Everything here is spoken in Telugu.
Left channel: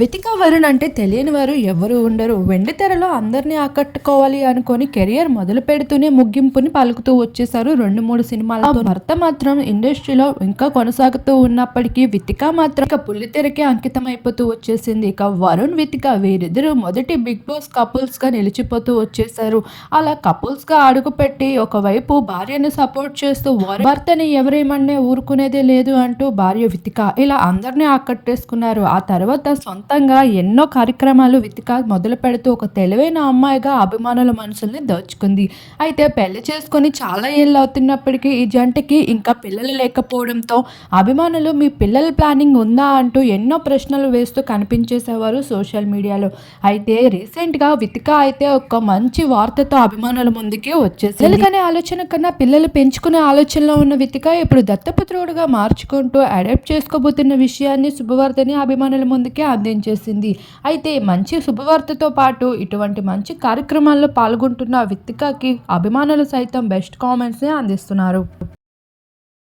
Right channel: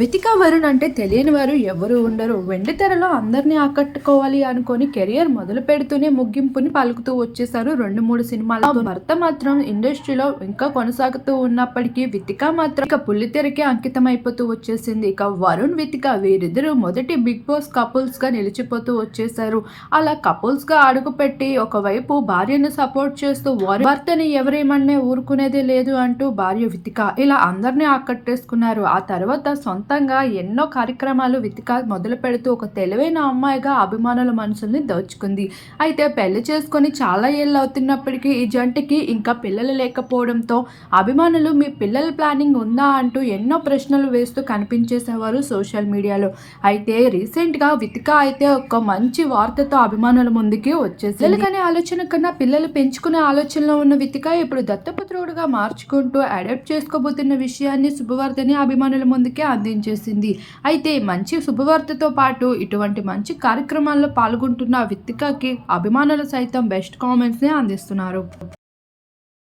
వితికా వరుణ్ అంటే తెలియని వారు ఎవరు ఉండరు. వెండి తెరలో అందరినీ ఆకట్టుకోవాలి అనుకొని కెరియర్ మొదలు పెడుతూనే ముగింపుని పలుకుతూ వచ్చేసారు రెండు మూడు సినిమాలతో. భర్త మాత్రం ఇండస్ట్రీలో ఇంకా కొనసాగుతూ ఉన్నప్పటికీ వితిక మాత్రం ఇక పుల్లితెరకి అంకితం అయిపోతూ వచ్చేసింది. ఇక వరుణ్ వితిక వీరిద్దరూ మొదటి బిగ్ బాస్ కపుల్స్గా నిలిచిపోతూ వచ్చేసారు అలా కపుల్స్గా అడుగుపెట్టి ఒకవైపు భార్యను సపోర్ట్ చేస్తూ వరుణ్ భర్తని ఎవరేమన్నా ఊరుకునేదే లేదు అంటూ భార్య వితిక ఇలా అందరినీ ఆకట్టేసుకున్నారు. ఆ తర్వాత సొంతంగా ఎన్నో కార్యక్రమాలు వితిక మొదలు పెడుతూ ఒక తెలివైన అమ్మాయిగా అభిమానుల మనసుల్ని దోచుకుంది. అయితే పెళ్ళి చేసుకొని చాలా ఏళ్ళు అవుతున్నప్పటికీ ఈ జంటకి ఇంకా పిల్లలు లేకపోవడంతో అభిమానులు మీ పిల్లల ప్లానింగ్ ఉందా? అంటూ ఎన్నో ప్రశ్నలు వేస్తూ కనిపించేసేవారు సోషల్ మీడియాలో. అయితే రీసెంట్గా వితిక అయితే ఒక మంచి వార్తతో అభిమానుల ముందుకి వచ్చేసి పిల్లలకనే ఆలోచన కన్నా పిల్లలు పెంచుకునే ఆలోచనలో ఉన్న వితిక ఇప్పుడు దత్తపుత్రుడుగా మార్చుకుంటూ అడాప్ట్ చేసుకోబోతున్న విషయాన్ని శుభవార్తని అభిమానుల ముందుకే చేసింది? అయితే మంచి శుభవార్తతో పాటు ఇటువంటి మంచి కార్యక్రమాల్లో పాల్గొంటున్న విత్తికాకి అభిమానులు సైతం బెస్ట్ కామెంట్స్ని అందిస్తున్నారు.